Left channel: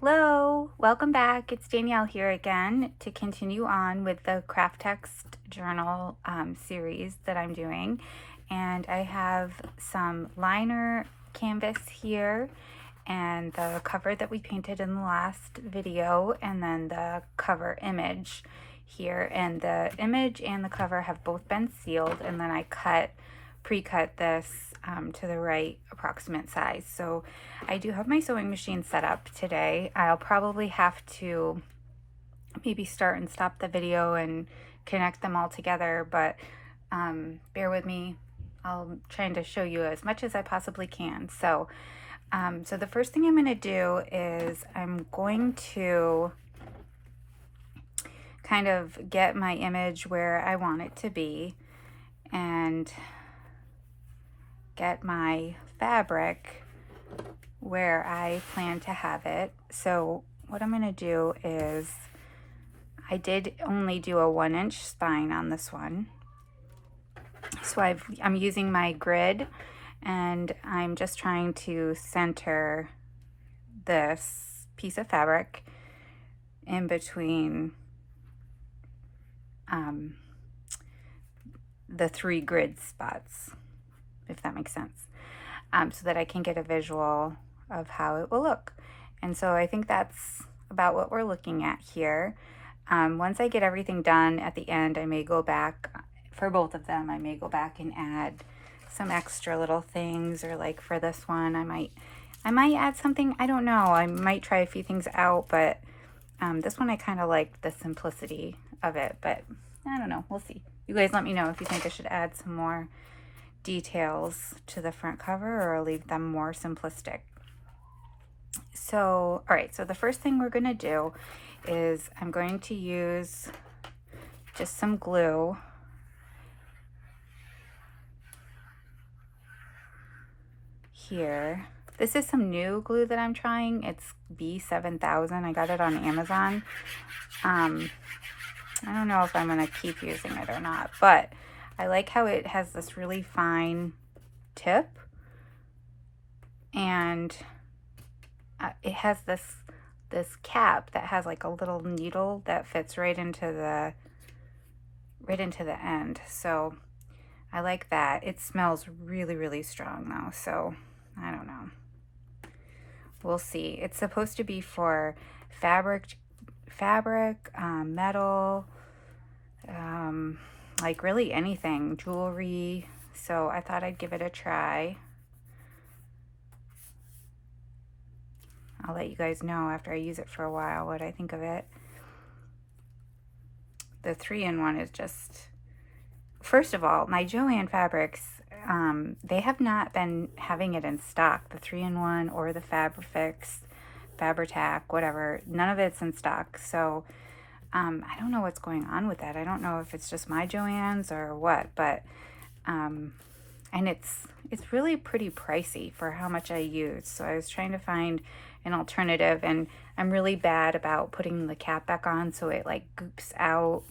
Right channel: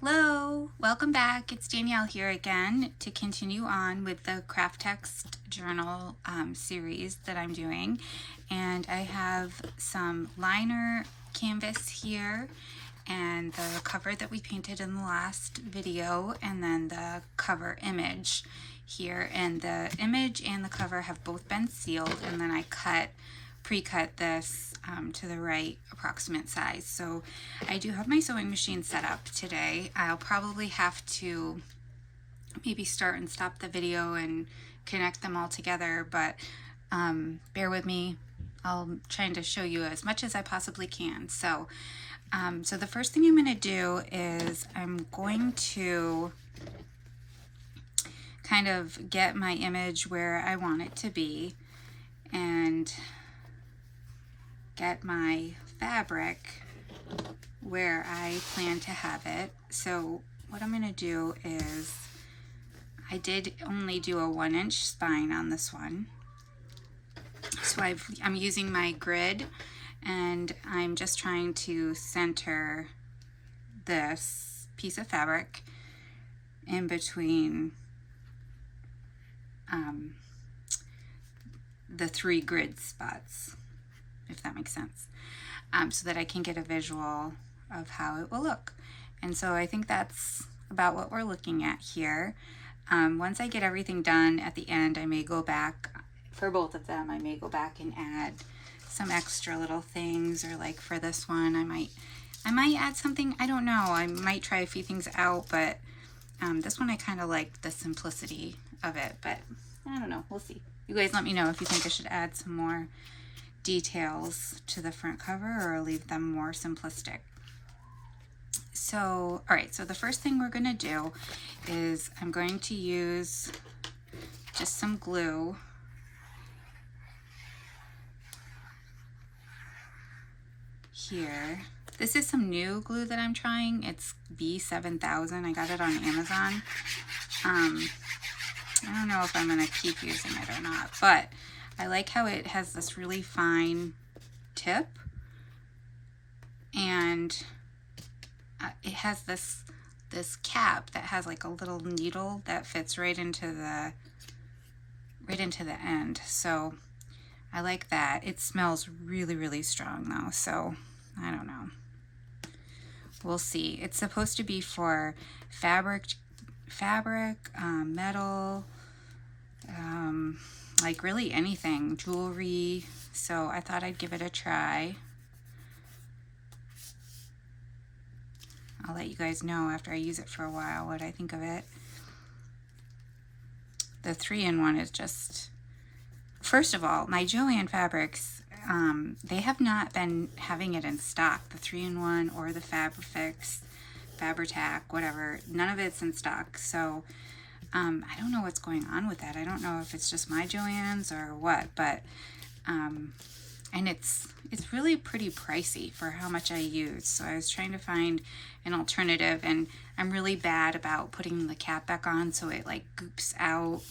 Hello, welcome back. It's Danielle here again to continue on with the Kraft-Tex journal series that I'm doing. And I have some liner canvas here and the cover that we painted in the last video, and then the cover image here. And the image and the cover have both been sealed, and then I pre-cut this to the right approximate size. So I do have my sewing machine set up today. I'll probably have to maybe start and stop the video and connect them all together, but bear with me. I'll try to show you as much as I possibly can. So the first thing I'm going to do is I'm going to kind of get my image where I want it to be and get my fabric where I plan to have it. So what I'm going to do is, I did only do a 1-inch spine on this one. So I'm using my grid, and I'm just trying to center this piece of fabric in between the 3 grid spots, if that makes sense, so that I can get a visual of how it will look. And so I think that's about what we're looking at here. Once I get everything done at the end, I may go back for both of them. I may go back and add some extra little things, or like for this one, I might add something. I don't know. I might try a few things out, but this one I kind of like the simplicity of it, but I don't know. We'll see. You guys let me know if you think I should add some more details to the front cover or leave them more simplistic. So, all right, so the first thing we're going to do is I'm going to use just some glue here. This is some new glue that I'm trying. It's B7000. I got it on Amazon. I don't know if I'm going to keep using it or not, but I like how it has this really fine tip, and it has this cap that has like a little needle that fits right into the end. So I like that. It smells really, really strong though, so I don't know. We'll see. It's supposed to be for fabric, metal, like really anything, jewelry. So I thought I'd give it a try. I'll let you guys know after I use it for a while what I think of it. The 3-in-1 is just, first of all, my Joann fabrics, they have not been having it in stock. The 3-in-1 or the Fabri-Tac, whatever, none of it's in stock. So I don't know what's going on with that. I don't know if it's just my Joann's or what, but and it's really pretty pricey for how much I use. So I was trying to find an alternative, and I'm really bad about putting the cap back on, so it like goops out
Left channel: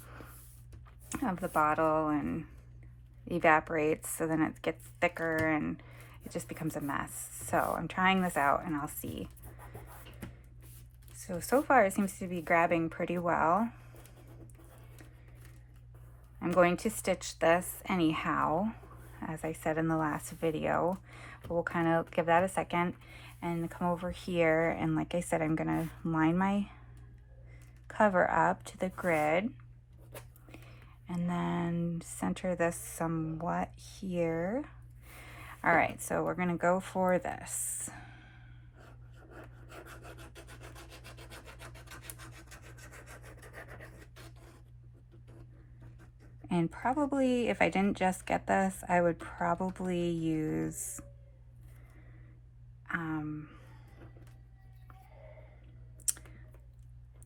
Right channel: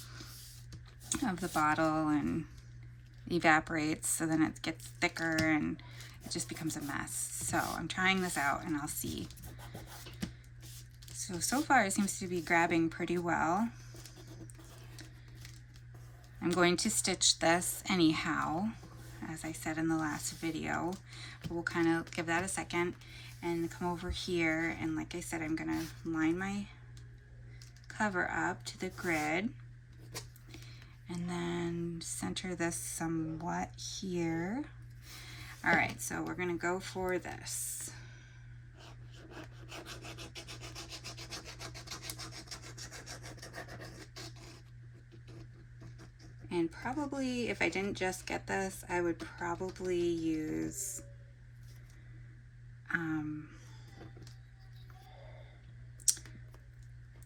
of the bottle and evaporates, so then it gets thicker and it just becomes a mess. So I'm trying this out and I'll see. So far it seems to be grabbing pretty well. I'm going to stitch this anyhow, as I said in the last video, but we'll kind of give that a second and come over here, and like I said, I'm gonna line my cover up to the grid and then center this somewhat here. All right, so we're gonna go for this. And probably, if I didn't just get this, I would probably use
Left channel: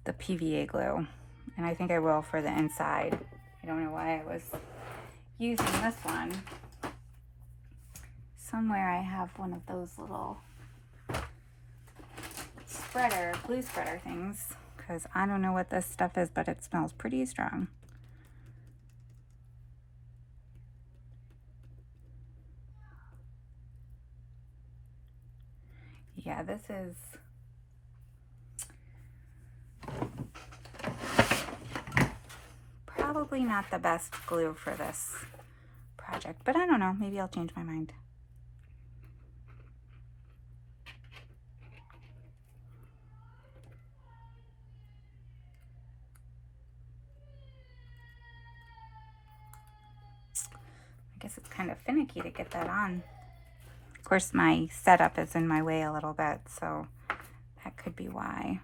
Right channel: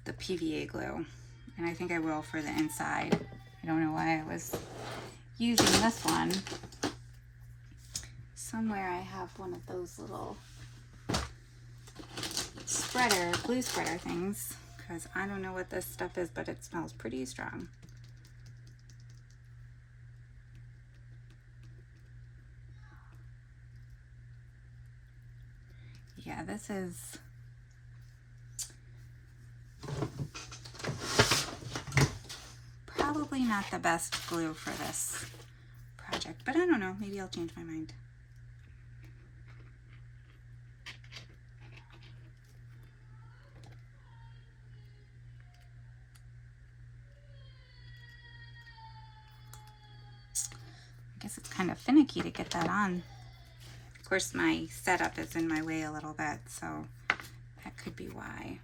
the PVA glue. And I think I will for the inside. I don't know why I was using this one. Somewhere I have one of those little glue spreader things, because I don't know what this stuff is, but it smells pretty strong. Yeah, this is probably not the best glue for this project, but I don't know, maybe I'll change my mind. I guess it's kind of finicky to get that on. Of course, my setup is in my way a little bit, so that could be why.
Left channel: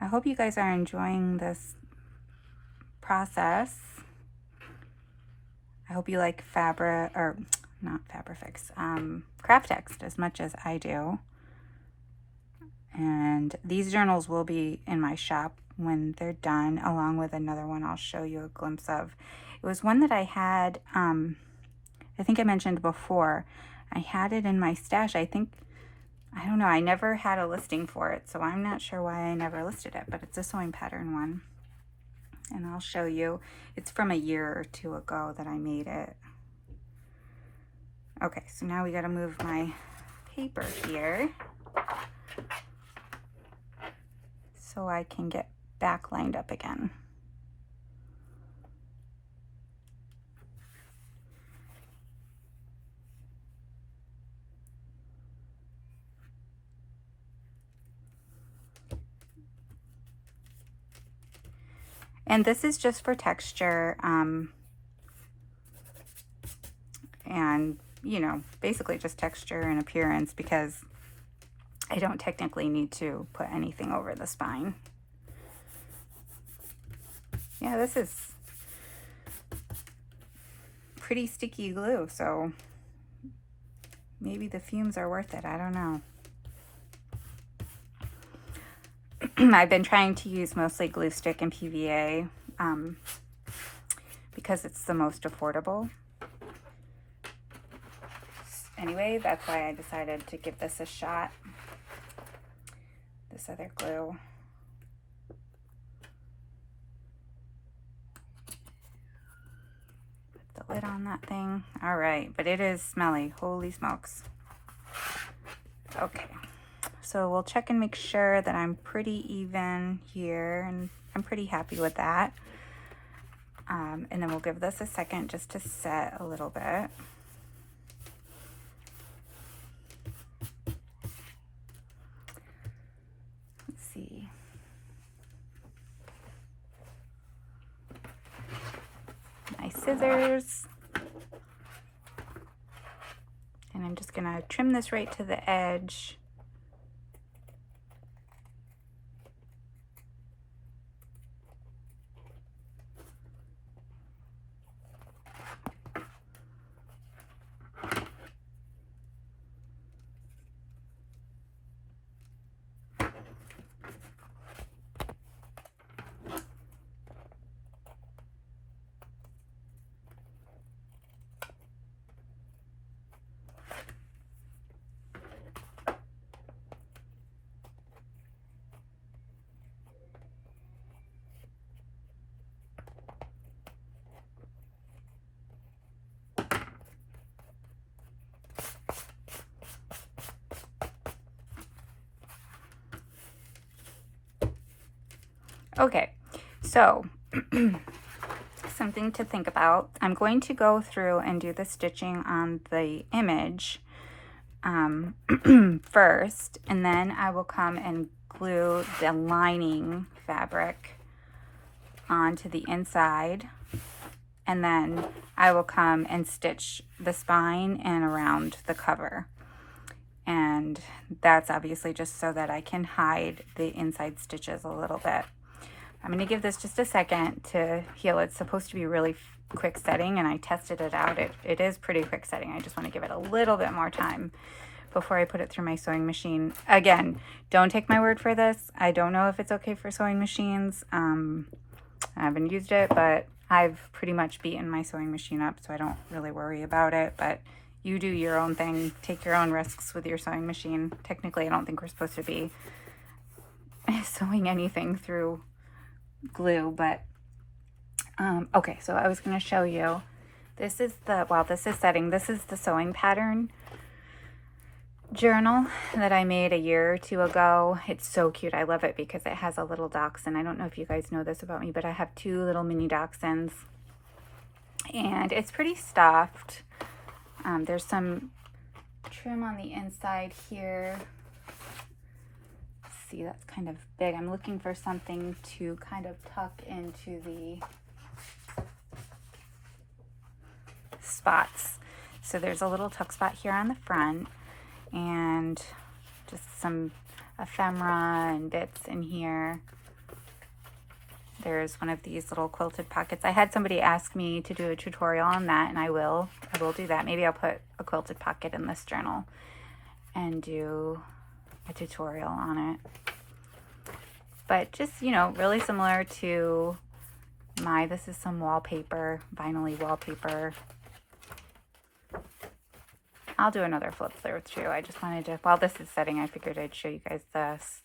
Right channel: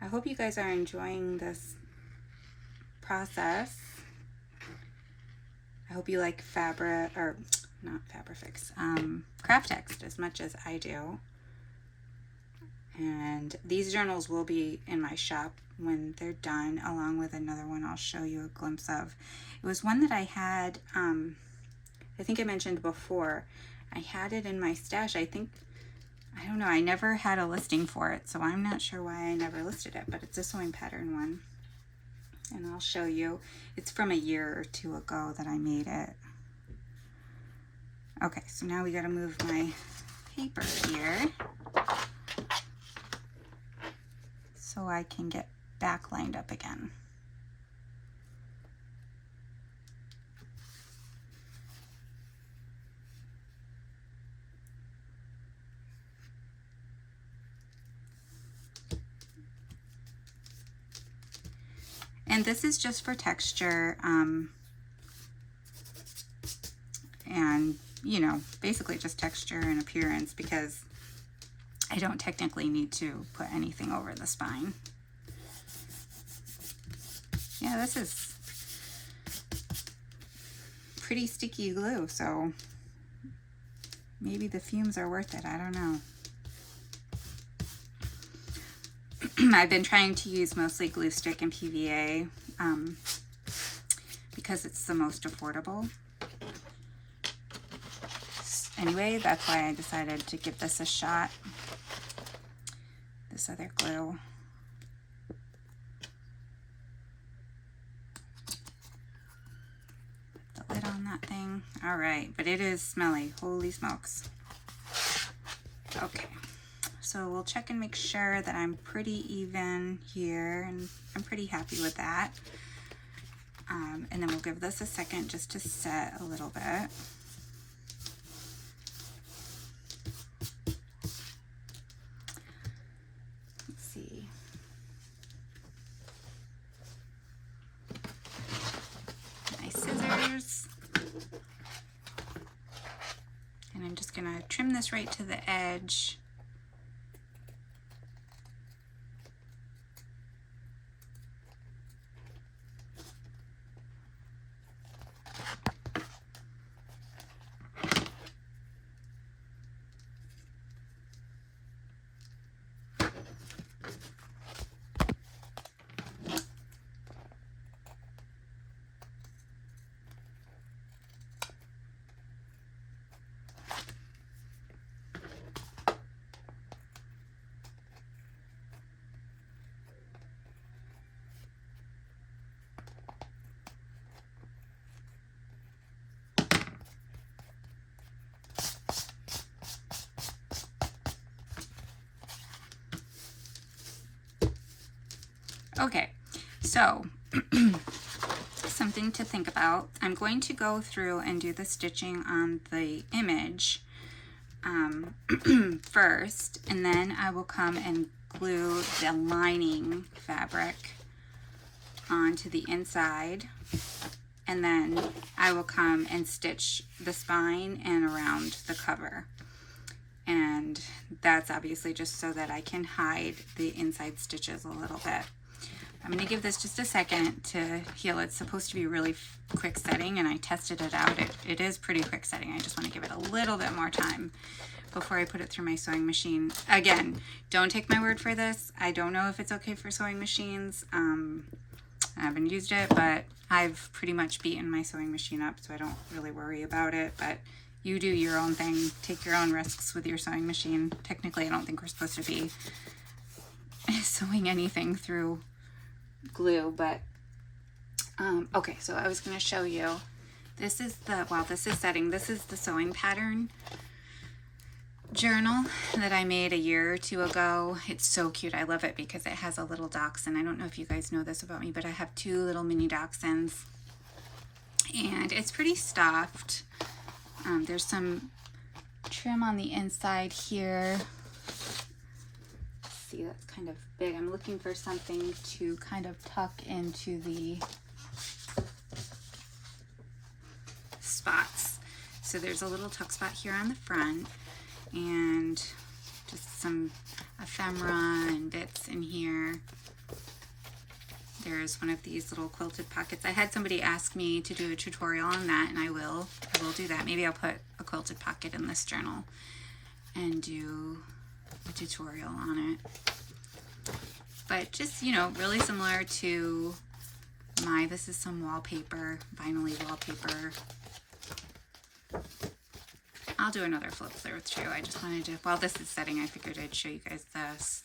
I hope you guys are enjoying this process. I hope you like Kraft-Tex as much as I do. And these journals will be in my shop when they're done, along with another one I'll show you a glimpse of. It was one that I had, I think I mentioned before. I had it in my stash. I don't know, I never had a listing for it, so I'm not sure why I never listed it, but it's a sewing pattern one. And I'll show you. It's from a year or two ago that I made it. Okay, so now we gotta move my paper here so I can get back lined up again. And this is just for texture, and you know, basically just texture and appearance, because I don't technically need to put anything over the spine. Yeah, this is pretty sticky glue, so maybe the fumes are worth it. I don't know. I've been trying to use mostly glue stick and PVA because it's the most affordable. Anyway, that's why I decided to give this a shot. This other glue. Put the lid on that thing. All right, but it is smelly. Holy smokes. Okay. So we'll check and make sure that I'm pretty even here, and I'm pretty happy with that. And then we'll give this a second just to set a little bit. Let's see. My scissors. And I'm just gonna trim this right to the edge. Okay, so something to think about. I'm going to go through and do the stitching on the image first, and then I will come and glue the lining fabric onto the inside, and then I will come and stitch the spine and around the cover. And that's obviously just so that I can hide the inside stitches a little bit. I'm going to give this just a second to heal. It's supposed to be really quick setting, and I tested it out. It is pretty quick setting. I just want to give it a little bit more time before I put it through my sewing machine. Again, don't take my word for this. I don't know if it's okay for sewing machines. I haven't used it, but I've pretty much beaten my sewing machine up, so I don't really worry about it. But you do your own thing. Take your own risks with your sewing machine. Technically, I don't think we're supposed to be sewing anything through glue, but okay, so I was going to show you, this is the, while this is setting, this is the sewing pattern journal that I made a year or two ago. It's so cute. I love it because it has a little dachshund. I don't know if you guys know this about me, but I have 2 little mini dachshunds, and it's pretty stuffed. There's some trim on the inside here. See, that's kind of big. I'm looking for something to kind of tuck into the spots. So there's a little tuck spot here on the front, and just some ephemera and bits in here. There's one of these little quilted pockets. I had somebody ask me to do a tutorial on that, and I will do that. Maybe I'll put a quilted pocket in this journal and do a tutorial on it. But just, you know, really similar to this is some wallpaper, vinyl-y wallpaper. I'll do another flip through too. I just wanted to, while this is setting, I figured I'd show you guys this.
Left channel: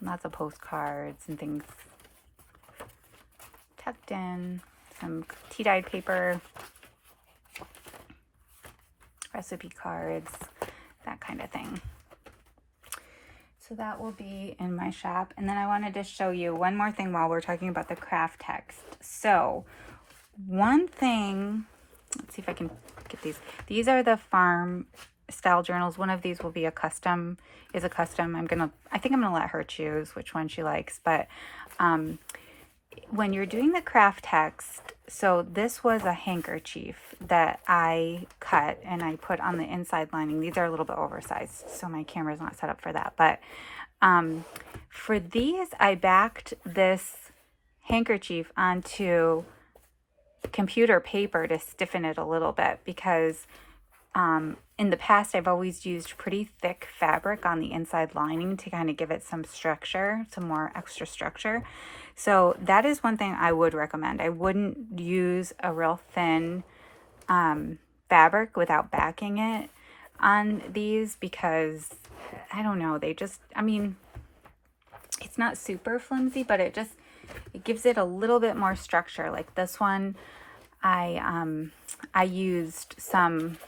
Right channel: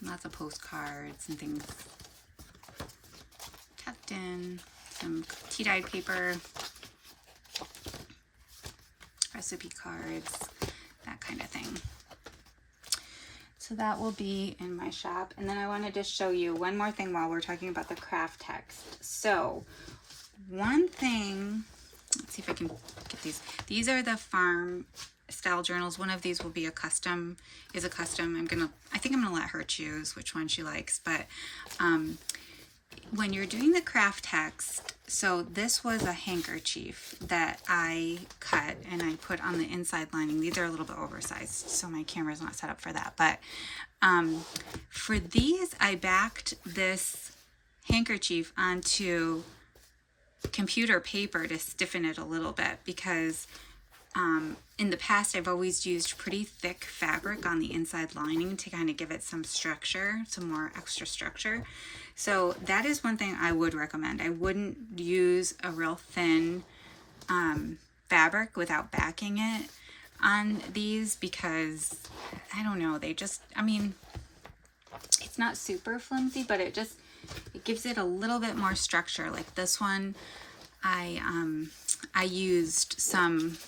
Lots of postcards and things tucked in. Some tea-dyed paper, recipe cards, that kind of thing. So that will be in my shop. And then I wanted to show you one more thing while we're talking about the Kraft-Tex. So one thing, let's see if I can get these. These are the farm style journals. One of these will be a custom, I think I'm gonna let her choose which one she likes. But when you're doing the Kraft-Tex, so this was a handkerchief that I cut and I put on the inside lining. These are a little bit oversized, so my camera's not set up for that. But for these, I backed this handkerchief onto computer paper to stiffen it a little bit, because in the past I've always used pretty thick fabric on the inside lining to kind of give it some structure, some more extra structure. So that is one thing I would recommend. I wouldn't use a real thin fabric without backing it on these, because I don't know, they just, I mean, it's not super flimsy, but it gives it a little bit more structure. Like this one, I used some,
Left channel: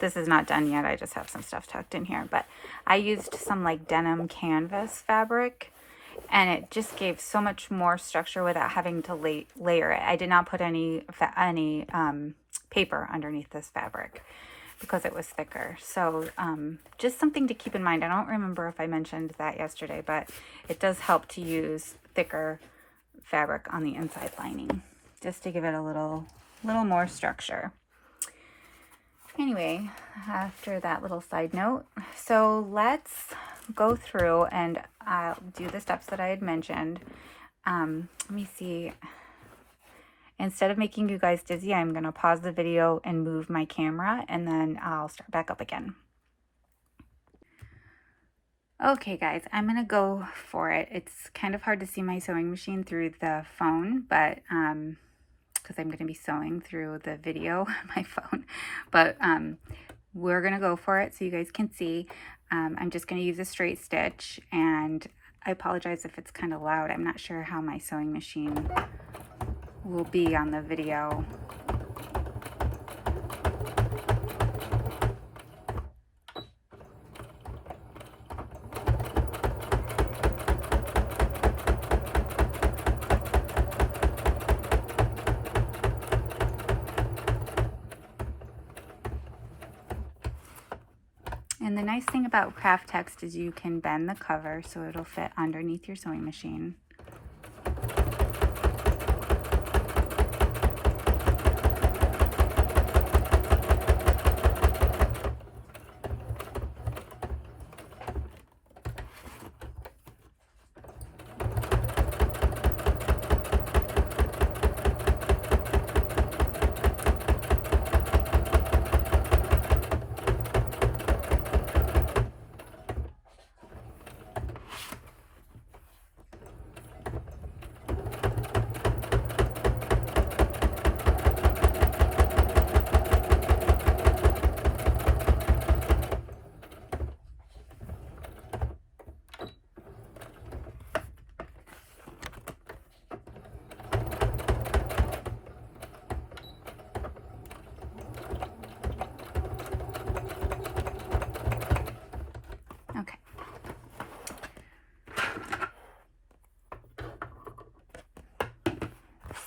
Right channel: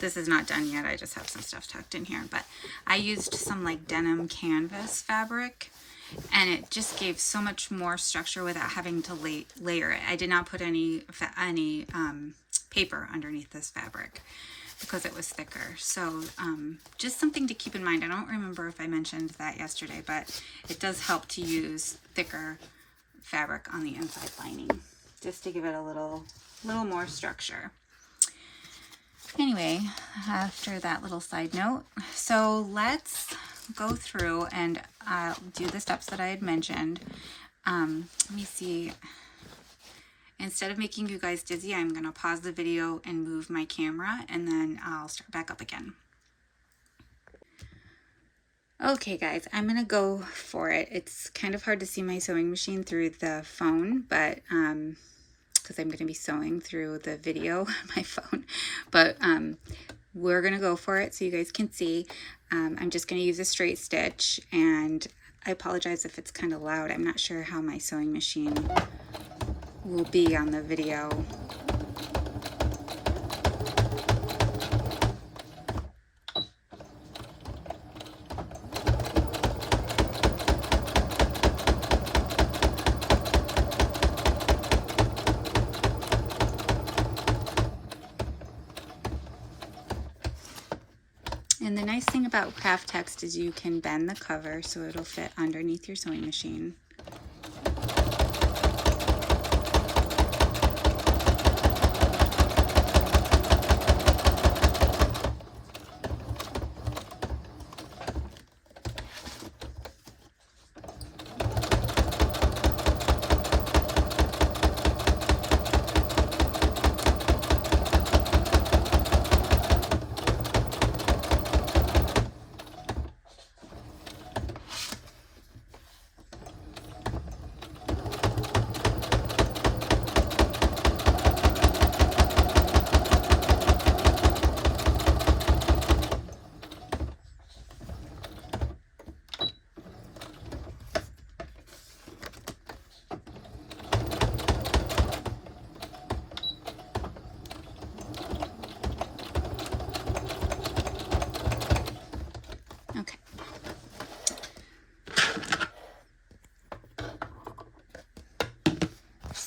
this is not done yet, I just have some stuff tucked in here, but I used some like denim canvas fabric, and it just gave so much more structure without having to layer it. I did not put any paper underneath this fabric because it was thicker. So just something to keep in mind. I don't remember if I mentioned that yesterday, but it does help to use thicker fabric on the inside lining, just to give it a little more structure. Anyway, after that little side note, so let's go through and I'll do the steps that I had mentioned. Let me see. Instead of making you guys dizzy, I'm going to pause the video and move my camera, and then I'll start back up again. Okay guys, I'm going to go for it. It's kind of hard to see my sewing machine through the phone, but because I'm going to be sewing through the video on my phone, but we're going to go for it so you guys can see. I'm just going to use a straight stitch, and I apologize if it's kind of loud. I'm not sure how my sewing machine will be on the video. And the nice thing about Kraft-Tex is you can bend the cover so it'll fit underneath your sewing machine.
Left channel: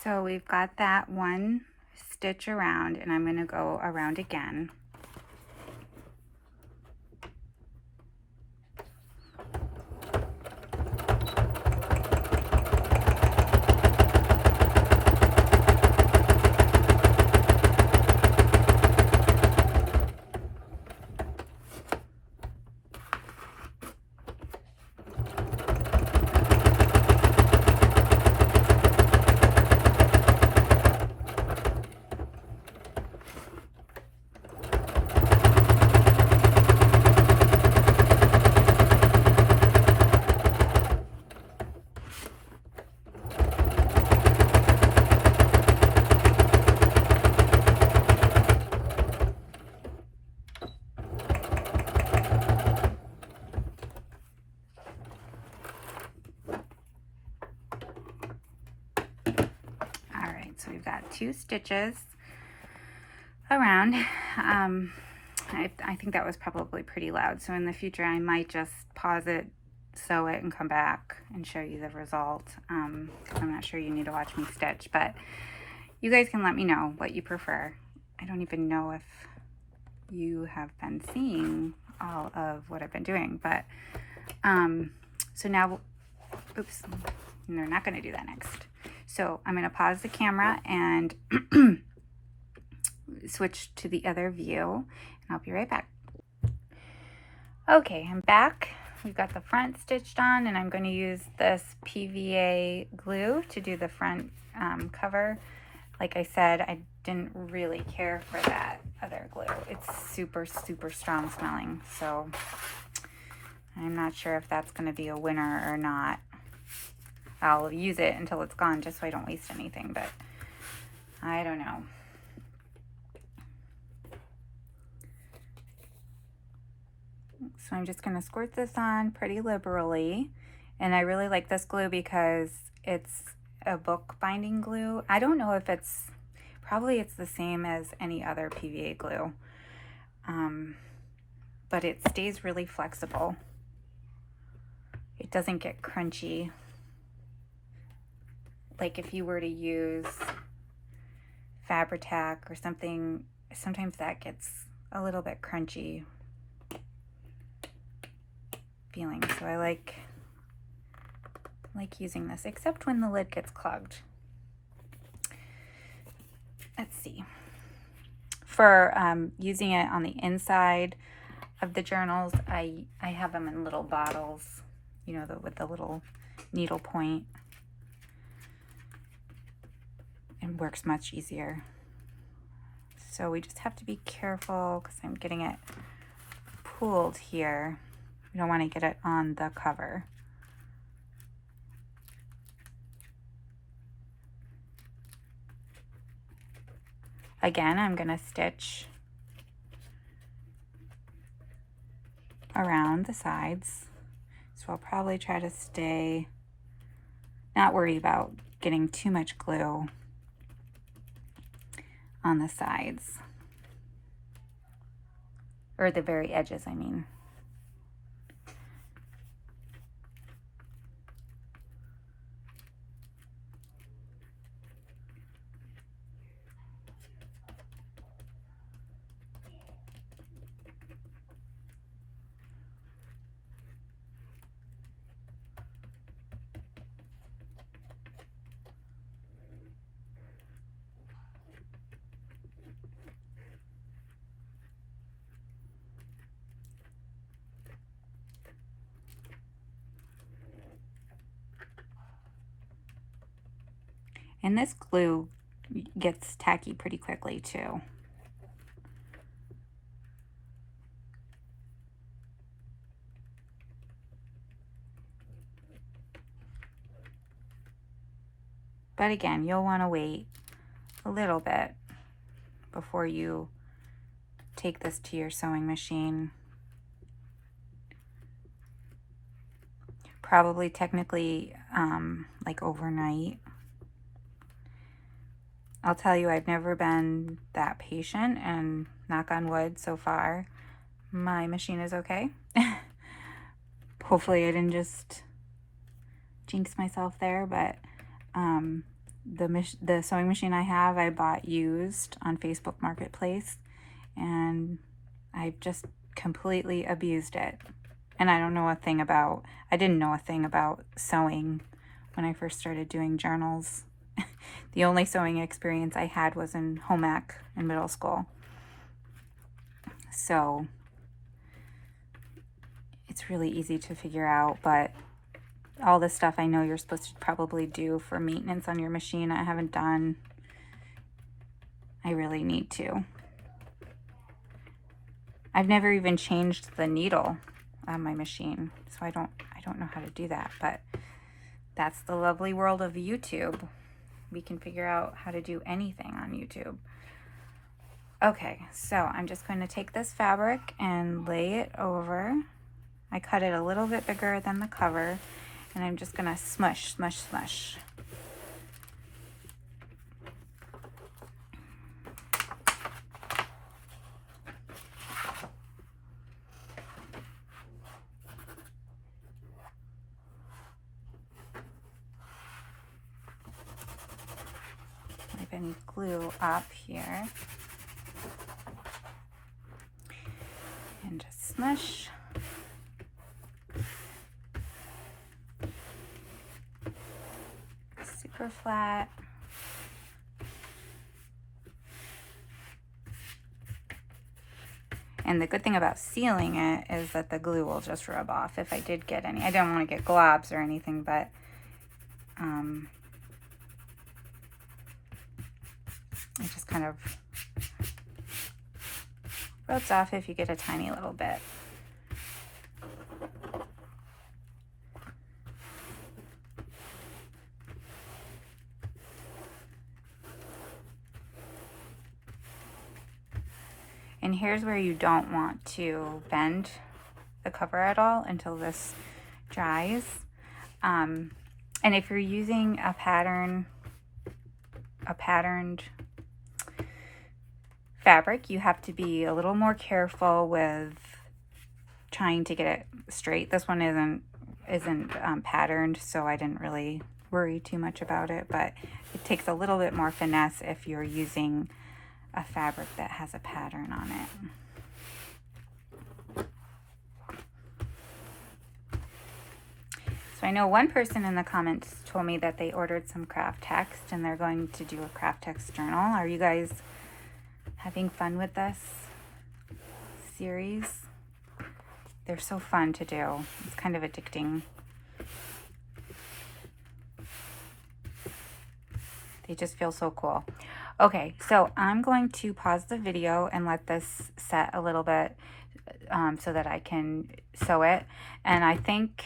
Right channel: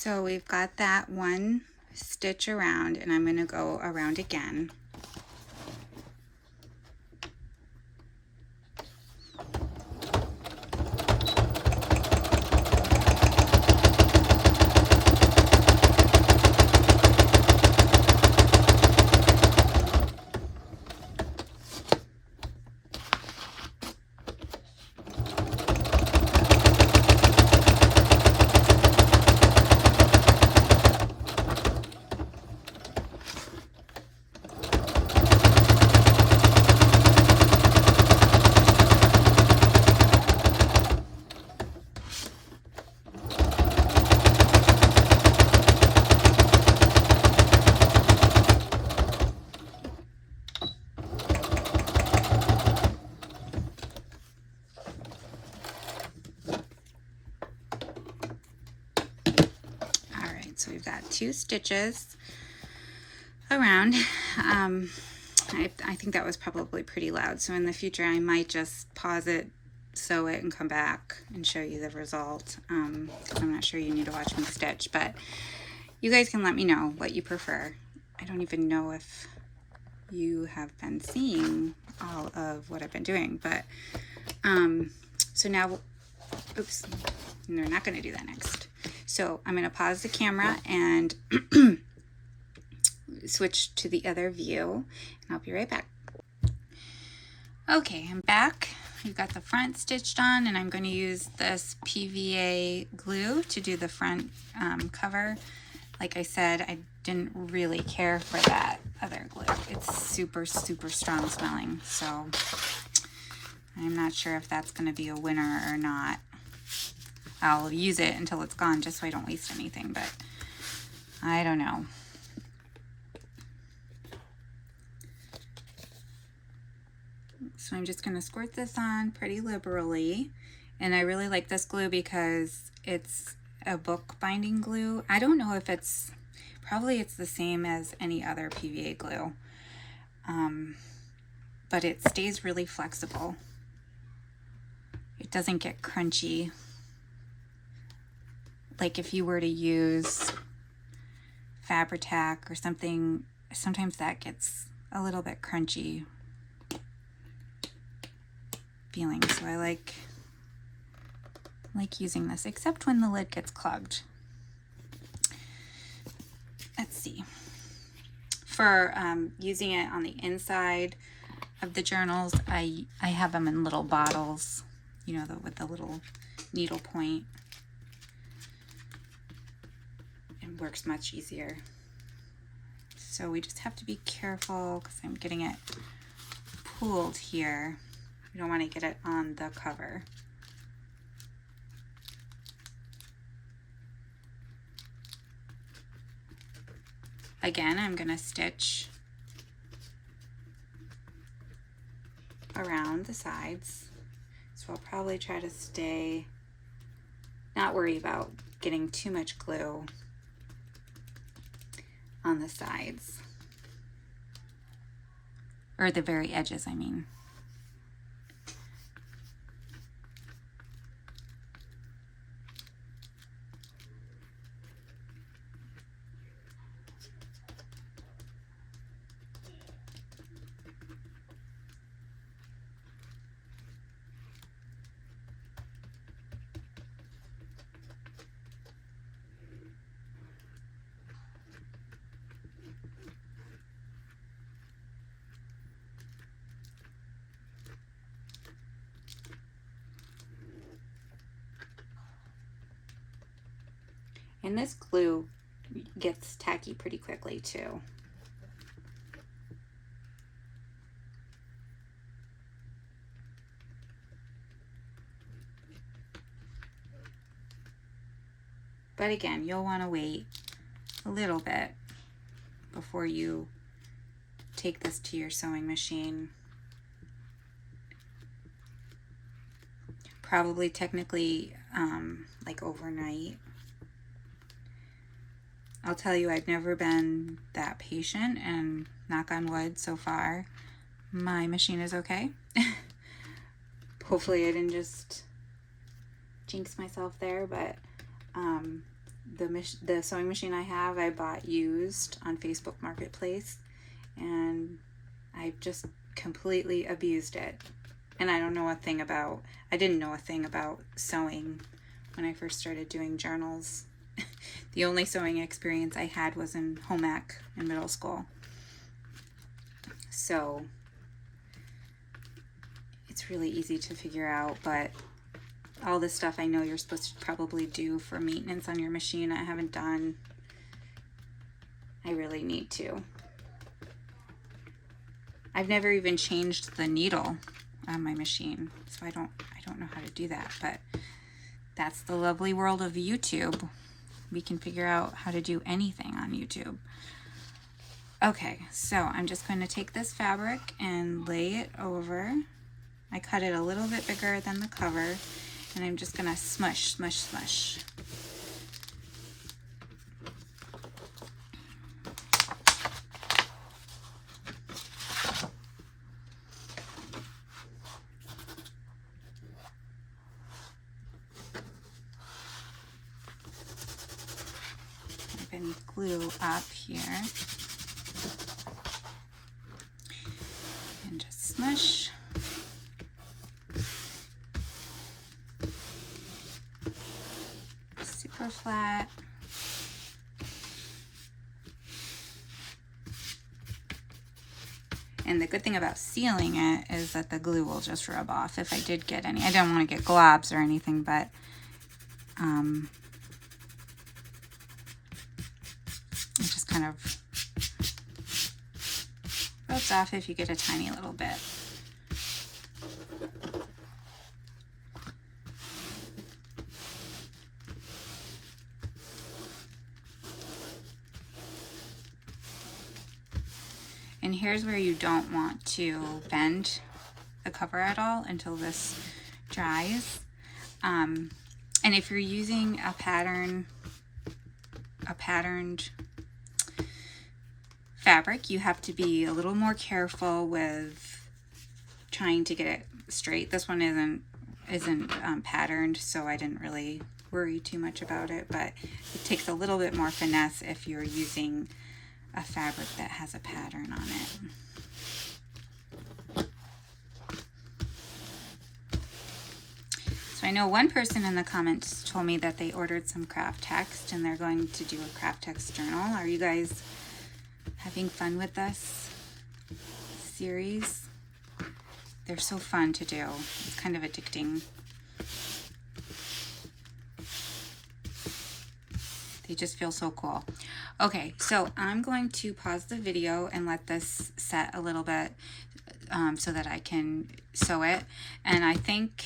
So we've got that one stitch around, and I'm going to go around again. So we've got 2 stitches around. I think that was probably pretty loud, so in the future I might just pause it, sew it, and come back and show you the result. I'm not sure you need to watch me stitch, but you guys can let me know what you prefer. I don't even know if you have been seeing all of what I've been doing, but so now, oops, they're not going to do that next. So I'm going to pause the camera and switch to the other view, and I'll be right back. Okay, I'm back. We've got the front stitched on, and I'm going to use this PVA glue to do the front cover. Like I said, I didn't really care for that other glue. It's super, super strong smelling, so I'm not sure if that's going to be a winner or not. I'll use it until it's gone just so I don't waste anything, but I don't know. So I'm just going to squirt this on pretty liberally, and I really like this glue because it's a book binding glue. I don't know if it's, probably it's the same as any other PVA glue, but it stays really flexible. It doesn't get crunchy. Like if you were to use Fabri-Tac or something, sometimes that gets a little bit crunchy feeling. So I like using this, except when the lid gets clogged. Let's see. For using it on the inside of the journals, I have them in little bottles, you know, with the little needle point. It works much easier. So we just have to be careful because I'm getting it pulled here. We don't want to get it on the cover. Again, I'm going to stitch around the sides. So I'll probably try to stay, not worry about getting too much glue on the sides, or the very edges, I mean. And this glue gets tacky pretty quickly too. But again, you'll want to wait a little bit before you take this to your sewing machine. Probably technically like overnight. I'll tell you, I've never been that patient, and knock on wood, so far my machine is okay. Hopefully I didn't just jinx myself there, but the sewing machine I have, I bought used on Facebook Marketplace, and I've just completely abused it. And I didn't know a thing about sewing when I first started doing journals. The only sewing experience I had was in home ec in middle school. So it's really easy to figure out, but all this stuff I know you're supposed to probably do for maintenance on your machine, I haven't done. I really need to. I've never even changed the needle on my machine, so I don't know how to do that, but that's the lovely world of YouTube. We can figure out how to do anything on YouTube. Okay, so I'm just going to take this fabric and lay it over. I cut it a little bit bigger than the cover, and I'm just going to smush, smush, smush. Any glue up here, and just smush. Super flat. And the good thing about sealing it is that the glue will just rub off if I did get any. I don't want to get globs or anything, but it just kind of rubs off if you get a tiny little bit. And here's where you don't want to bend the cover at all until this dries. And if you're using a patterned fabric, you have to be a little more careful with trying to get it straight. This one isn't patterned, so I didn't really worry too much about it, but it takes a little bit more finesse if you're using a fabric that has a pattern on it. So I know one person in the comments told me that they ordered some Kraft-Tex and they're going to do a Kraft-Tex journal. Are you guys having fun with this series? They're so fun to do. It's kind of addicting. They just feel so cool. Okay, so I'm going to pause the video and let this set a little bit so that I can sew it. And I think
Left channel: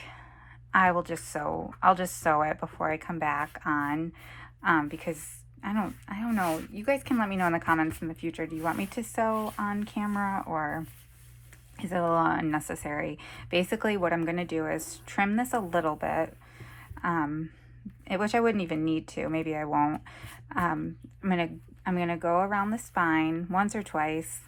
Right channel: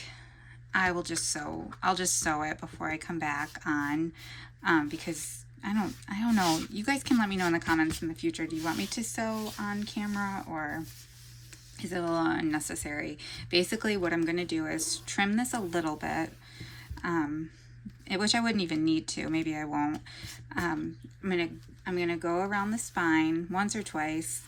I'll just sew it before I come back on because I don't know. You guys can let me know in the comments in the future. Do you want me to sew on camera, or is it a little unnecessary? Basically, what I'm going to do is trim this a little bit, which I wouldn't even need to. Maybe I won't. I'm gonna go around the spine once or twice.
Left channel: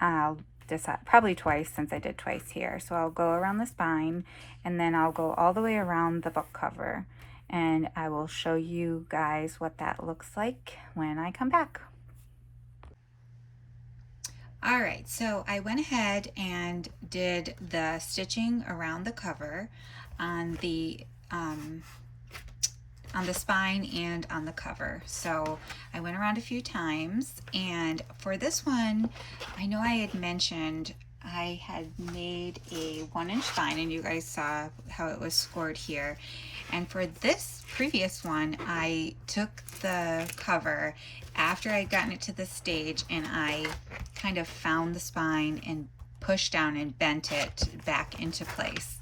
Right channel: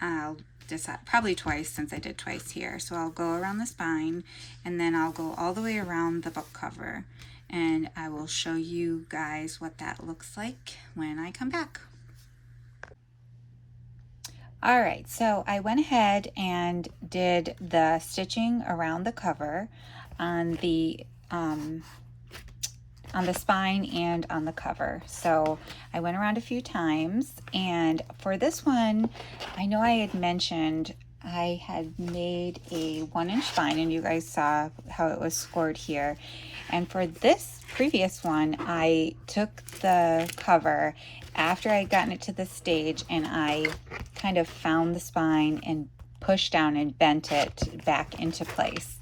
I'll decide, probably twice since I did twice here. So I'll go around the spine, and then I'll go all the way around the book cover. And I will show you guys what that looks like when I come back. All right, so I went ahead and did the stitching around the cover on the spine and on the cover. So I went around a few times, and for this one, I know I had mentioned I had made a 1-inch spine, and you guys saw how it was scored here. And for this previous one, I took the cover after I'd gotten it to this stage, and I kind of found the spine and pushed down and bent it back into place.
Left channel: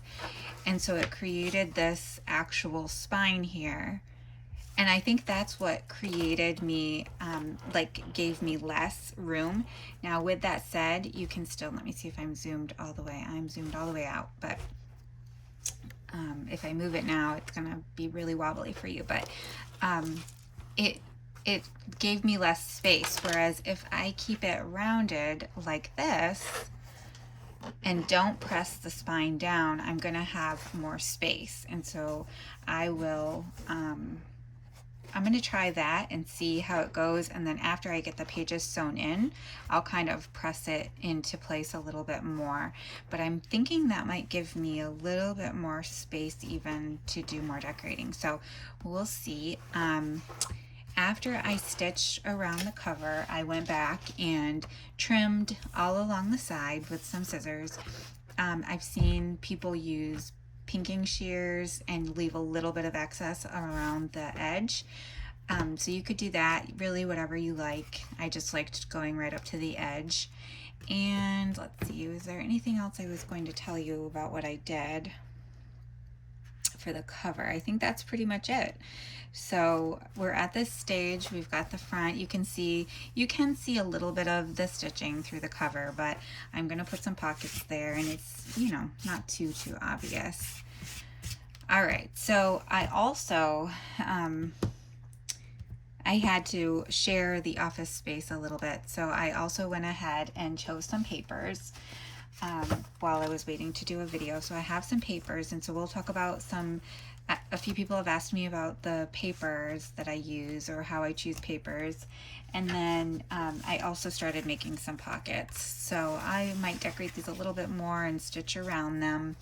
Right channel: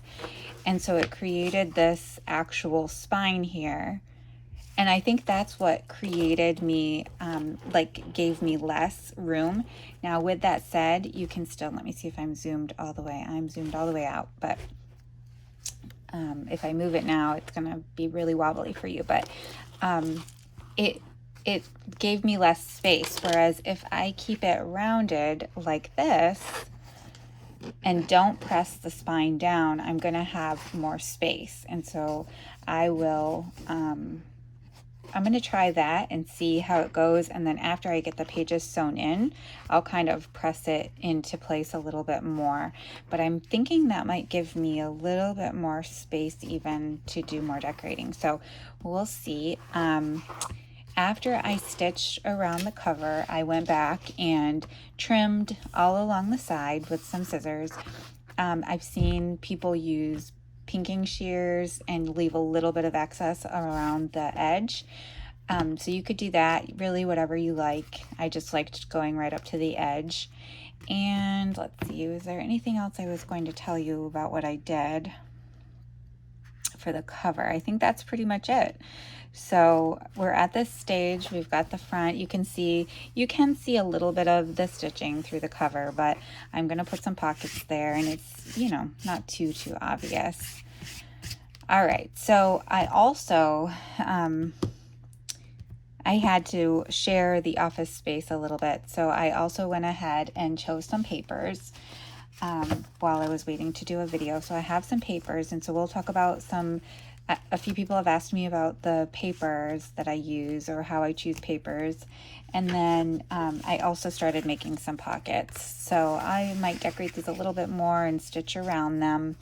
And so it created this actual spine here. And I think that's what created me, gave me less room. Now, with that said, you can still, let me see if I'm zoomed all the way. I'm zoomed all the way out, but if I move it now, it's gonna be really wobbly for you, but it gave me less space. Whereas if I keep it rounded like this and don't press the spine down, I'm gonna have more space. And so I will I'm going to try that and see how it goes. And then after I get the pages sewn in, I'll kind of press it into place a little bit more. But I'm thinking that might give me a little bit more space even to do more decorating. So we'll see. After I stitched around the cover, I went back and trimmed all along the side with some scissors. I've seen people use pinking shears and leave a little bit of excess around the edge. So you could do that, really whatever you like. I just liked going right up to the edge. And let's see, is there anything else I was going to tell you about what I did for the cover? I think that's pretty much it. So we're at this stage, we've got the front. You can see a little bit of the stitching through the cover, but I'm gonna put some pockets there, and it's, you know, not too obvious. All right, so I also I had to share the office space a little bit, so I also went ahead and chose some papers while I was waiting to do a video. So I have some papers, and so we'll talk about some. A few people have asked me about the papers that I use or how I choose papers. And then I also started making some pockets. So I might decorate these a little bit more and stitch around them.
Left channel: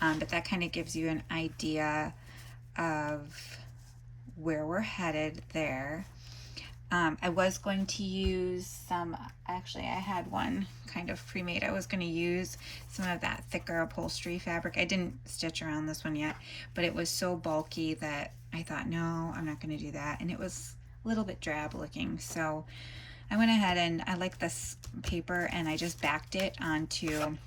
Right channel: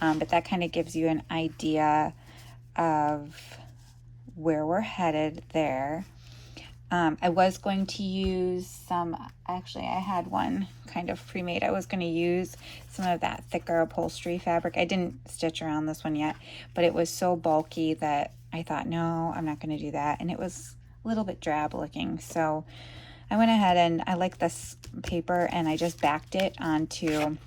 But that kind of gives you an idea of where we're headed there. I was going to use some, actually I had one kind of pre-made. I was going to use some of that thicker upholstery fabric. I didn't stitch around this one yet, but it was so bulky that I thought, no, I'm not going to do that. And it was a little bit drab looking. So I went ahead and I like this paper, and I just backed it onto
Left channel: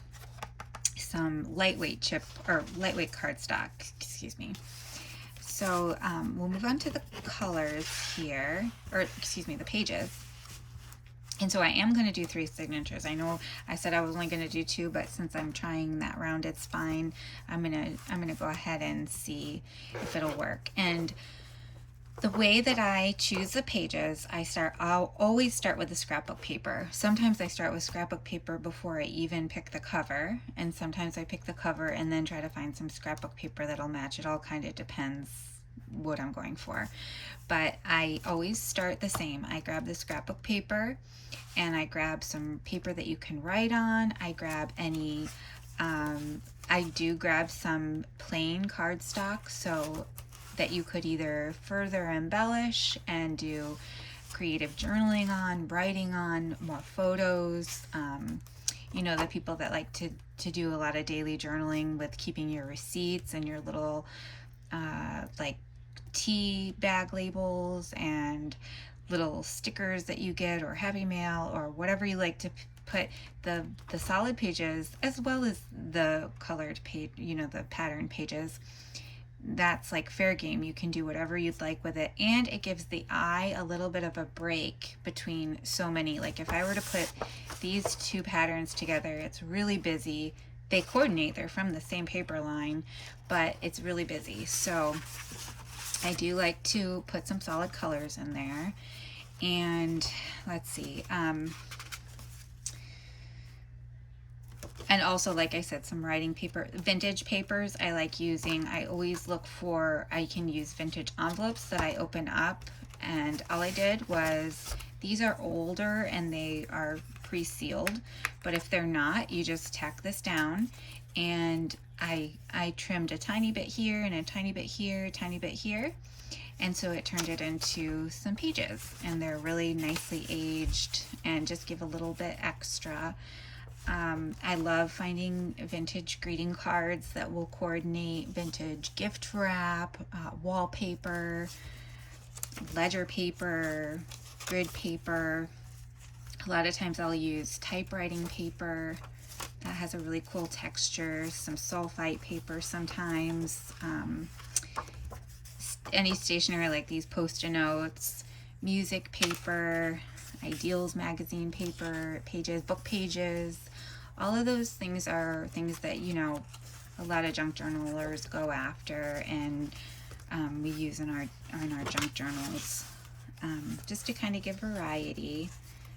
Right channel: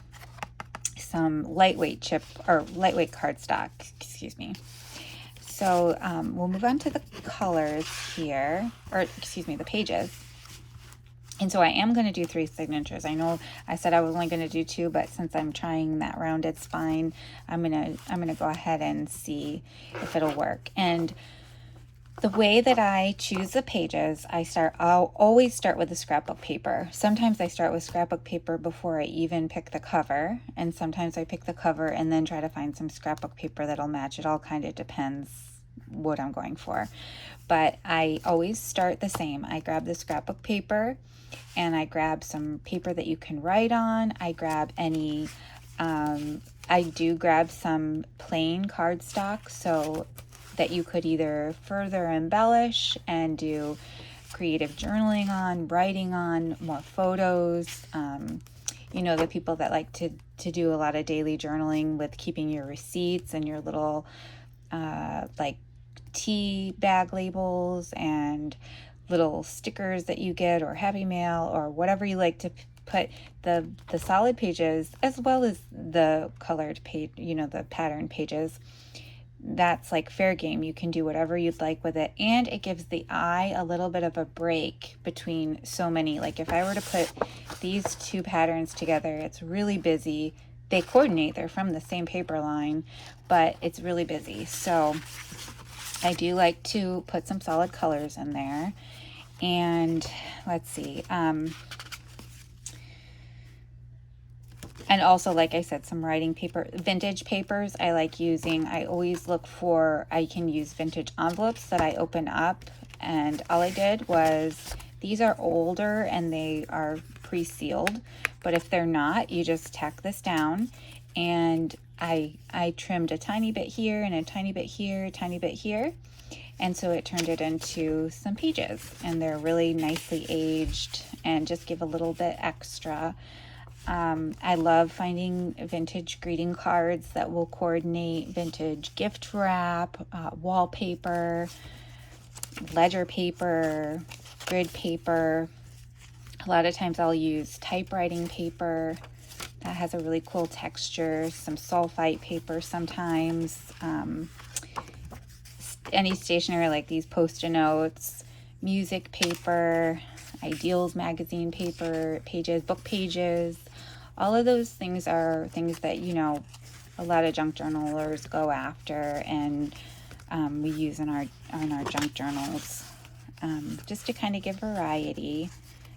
some lightweight cardstock, excuse me. So we'll move on to the colors here, or excuse me, the pages. And so I am going to do 3 signatures. I know I said I was only going to do 2, but since I'm trying that rounded spine, I'm gonna go ahead and see if it'll work. And the way that I choose the pages, I'll always start with the scrapbook paper. Sometimes I start with scrapbook paper before I even pick the cover, and sometimes I pick the cover and then try to find some scrapbook paper that'll match. It all kind of depends what I'm going for. But I always start the same. I grab the scrapbook paper, and I grab some paper that you can write on. I grab any, I do grab some plain cardstock, so that you could either further embellish and do creative journaling on, writing on, more photos. You know, the people that like to do a lot of daily journaling with keeping your receipts and your little like tea bag labels and little stickers that you get, or happy mail, or whatever you like to put the solid pages as well as the colored page, you know, the pattern pages. That's like fair game. You can do whatever you'd like with it, and it gives the eye a little bit of a break between so many. Like if I were to put these 2 patterns together, it's really busy. They coordinate, they're from the same paper line, but it's really busy. So I do like to put some solid colors in there. And let's see, and also, like I said, some writing paper, vintage papers I like using. I always look for, I can use vintage envelopes that I open up, and all I did was, these are older and they are pre-sealed, but if they're not, you just tack this down. And I trimmed a tiny bit here and a tiny bit here, a tiny bit here. And so it turned it into some pages, and they're really nicely aged and just give a little bit extra. I love finding vintage greeting cards that will coordinate, vintage gift wrap, wallpaper, ledger paper, grid paper. A lot of times I'll use typewriting paper that has a really cool texture, some sulfite paper sometimes, any stationery like these Post-it notes, music paper, Ideals magazine paper, pages, book pages. All of those things are things that, you know, a lot of junk journalers go after, and we use in our junk journals, just to kind of give variety.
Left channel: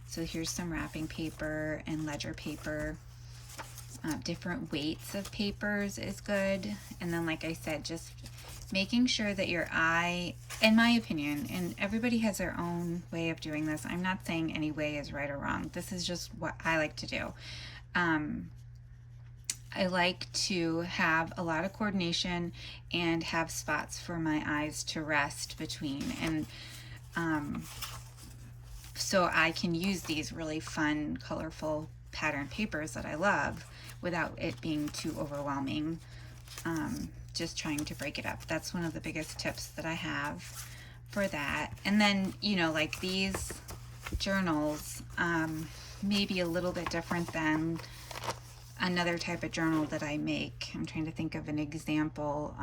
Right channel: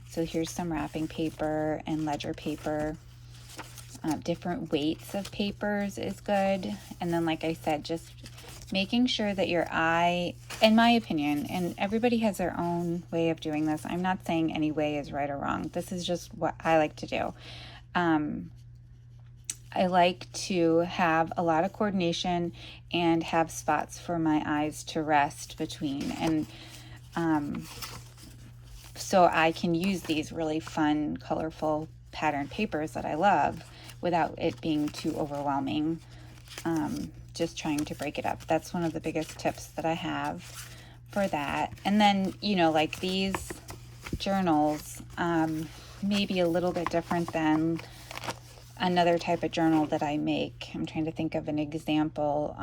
So here's some wrapping paper and ledger paper. Different weights of papers is good. And then, like I said, just making sure that your eye, in my opinion, and everybody has their own way of doing this. I'm not saying any way is right or wrong. This is just what I like to do. I like to have a lot of coordination and have spots for my eyes to rest between. And so I can use these really fun, colorful pattern papers that I love without it being too overwhelming. Just trying to break it up. That's one of the biggest tips that I have for that. And then, you know, like these journals, maybe a little bit different than another type of journal that I make. I'm trying to think of an example.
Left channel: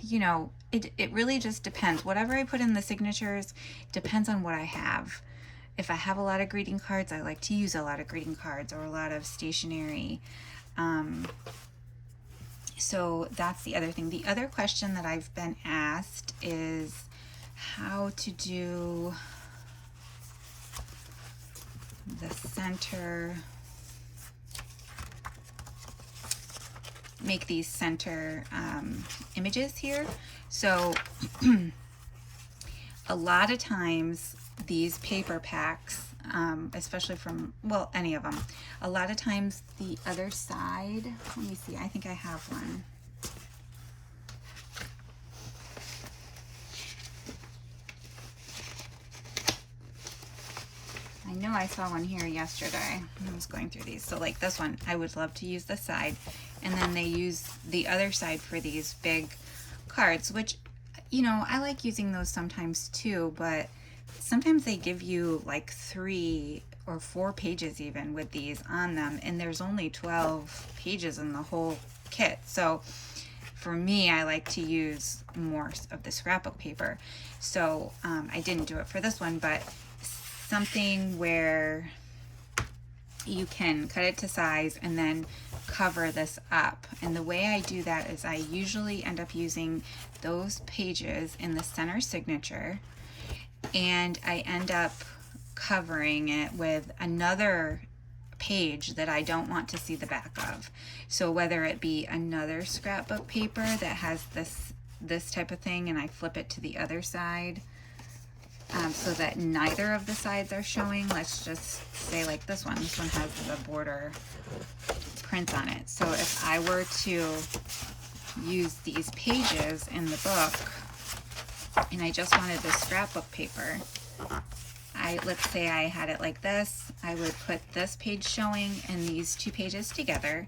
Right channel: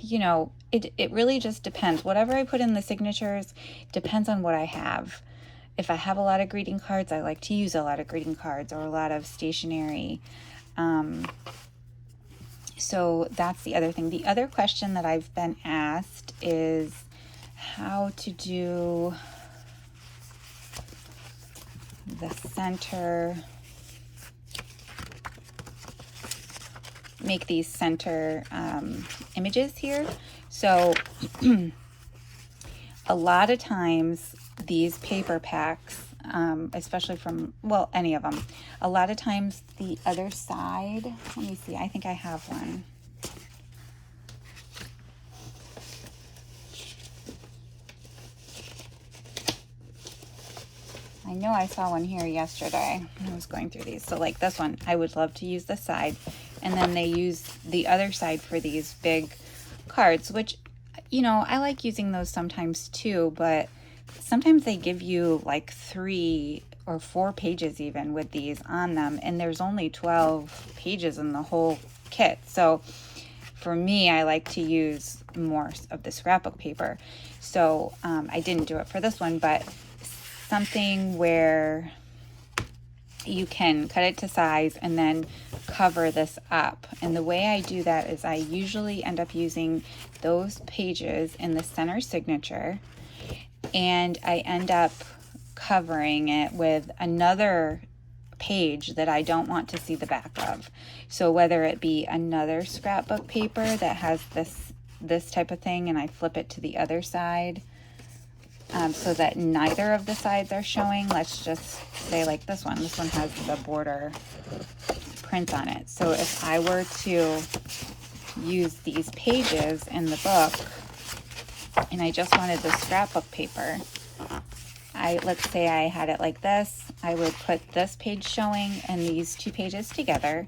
You know, it really just depends. Whatever I put in the signatures depends on what I have. If I have a lot of greeting cards, I like to use a lot of greeting cards or a lot of stationery. So that's the other thing. The other question that I've been asked is how to do the center, make these center images here. So a lot of times these paper packs, especially from, well, any of them, a lot of times the other side, let me see, I think I have one. I know I saw one here yesterday when I was going through these. So like this one, I would love to use this side. And then they use the other side for these big cards, which, you know, I like using those sometimes too, but sometimes they give you like 3 or 4 pages even with these on them, and there's only 12 pages in the whole kit. So for me, I like to use more of the scrapbook paper. So I didn't do it for this one, but something where you can cut it to size and then cover this up. And the way I do that is I usually end up using those pages in the center signature, and I end up covering it with another page that I don't want to see the back of. So whether it be another scrapbook paper that has this type of thing, and I flip it to the other side, so that neither of the sides are showing. Let's just say like this one has the border print on it. So if I were to use these pages in the book and I just wanted the scrapbook paper, let's say I had it like this, I would put this page showing and these 2 pages together,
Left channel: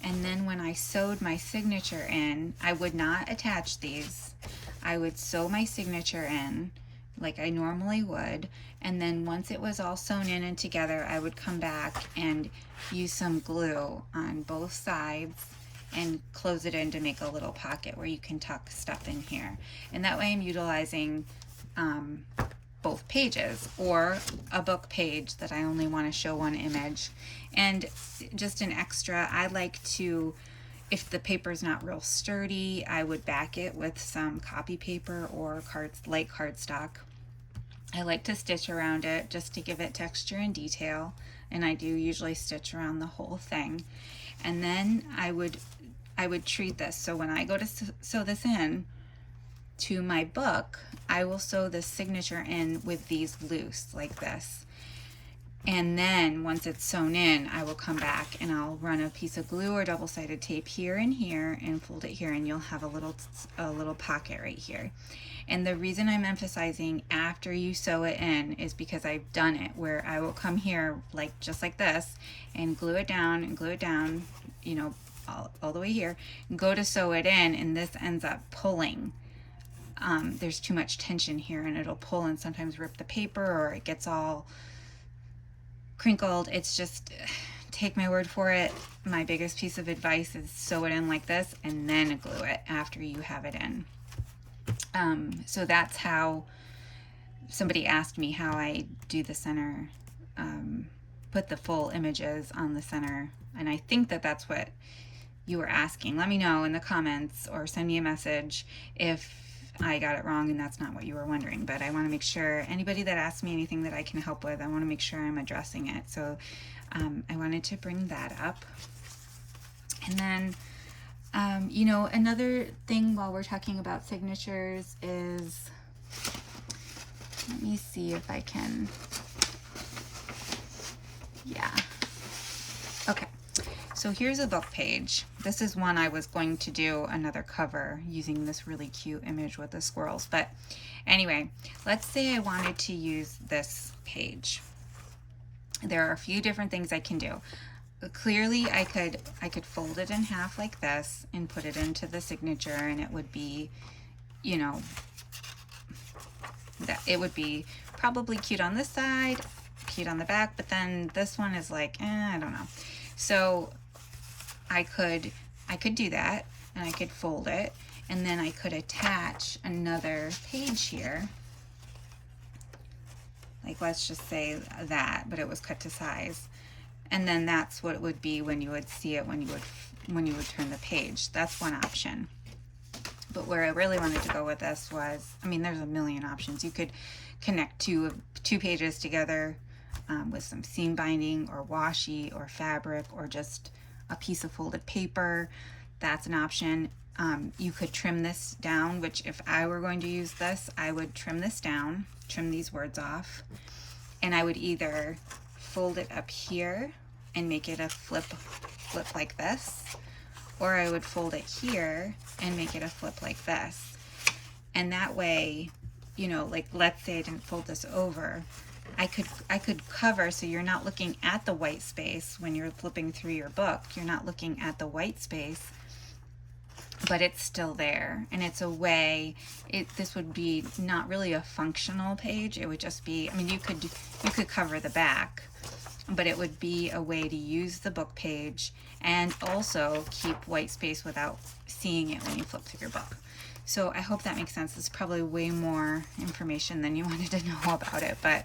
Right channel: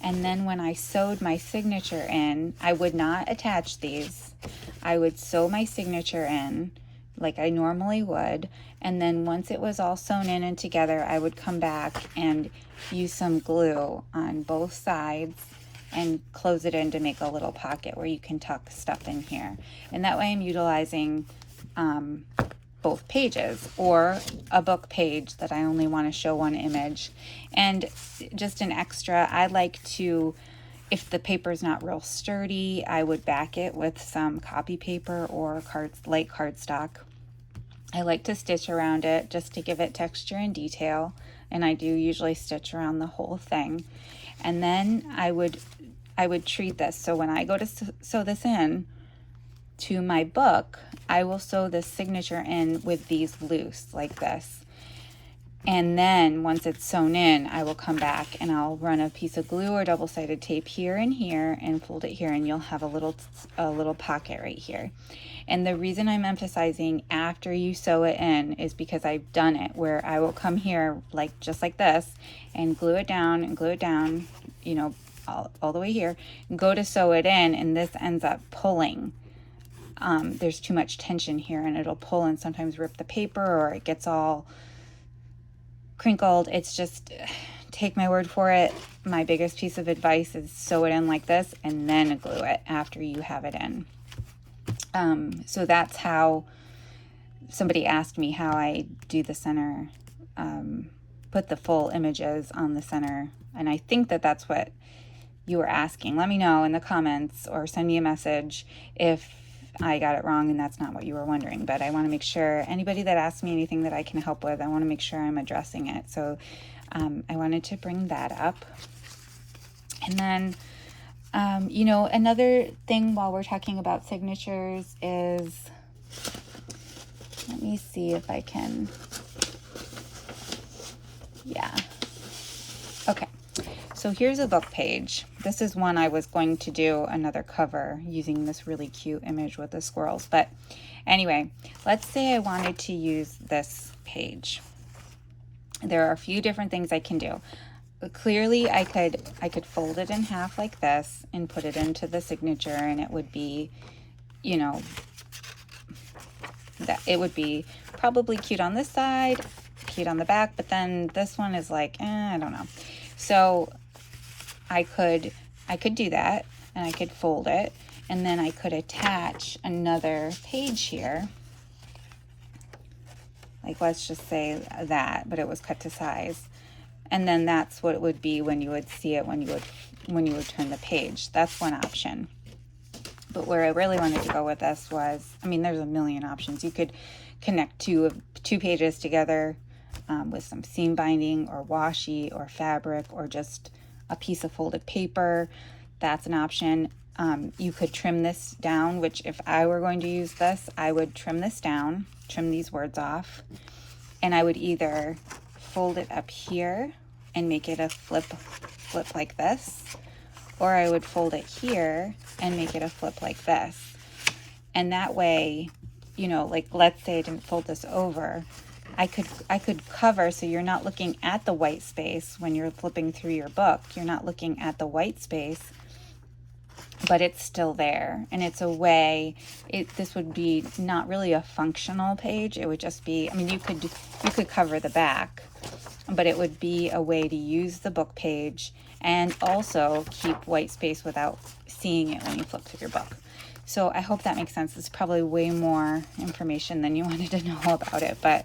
and then when I sewed my signature in, I would not attach these. I would sew my signature in like I normally would, and then once it was all sewn in and together, I would come back and use some glue on both sides and close it in to make a little pocket where you can tuck stuff in here. And that way I'm utilizing both pages, or a book page that I only want to show one image. And just an extra, I like to, if the paper's not real sturdy, I would back it with some copy paper or light cardstock. I like to stitch around it just to give it texture and detail, and I do usually stitch around the whole thing. And then I would treat this, so when I go to sew this in to my book, I will sew this signature in with these loose like this. And then once it's sewn in, I will come back and I'll run a piece of glue or double-sided tape here and here and fold it here, and you'll have a little pocket right here. And the reason I'm emphasizing after you sew it in is because I've done it where I will come here just like this and glue it down, you know, all the way here, and go to sew it in, and this ends up pulling. There's too much tension here and it'll pull and sometimes rip the paper, or it gets all crinkled. It's just, take my word for it, my biggest piece of advice is sew it in like this and then glue it after you have it in. So that's how somebody asked me how I do the center, put the full images on the center, and I think that that's what you were asking. Let me know in the comments or send me a message if I got it wrong and that's not what you were wondering. But I want to make sure anybody that asks me anything that I can help with, I want to make sure I'm addressing it. So I wanted to bring that up. And then You know, another thing while we're talking about signatures is, let me see if I can, yeah. Okay, so here's a book page. This is one I was going to do another cover using this really cute image with the squirrels. But anyway, let's say I wanted to use this page. There are a few different things I can do. Clearly, I could fold it in half like this and put it into the signature, and it would be, you know, that it would be probably cute on this side, cute on the back, but then this one is like, I don't know. So I could do that, and I could fold it, and then I could attach another page here. Like, let's just say that, but it was cut to size. And then that's what it would be when you would see it when you would turn the page. That's one option. But where I really wanted to go with this was, I mean, there's a million options. You could connect two pages together with some seam binding or washi or fabric or just a piece of folded paper. That's an option. You could trim this down, which if I were going to use this, I would trim this down, trim these words off, and I would either fold it up here and make it a flip like this, or I would fold it here and make it a flip like this. And that way, you know, like let's say I didn't fold this over, I could cover, so you're not looking at the white space when you're flipping through your book. You're not looking at the white space, but it's still there. And it's a way, this would be not really a functional page. It would just be, I mean, you could cover the back, but it would be a way to use the book page and also keep white space without seeing it when you flip through your book. So I hope that makes sense. It's probably way more information than you wanted to know about it, but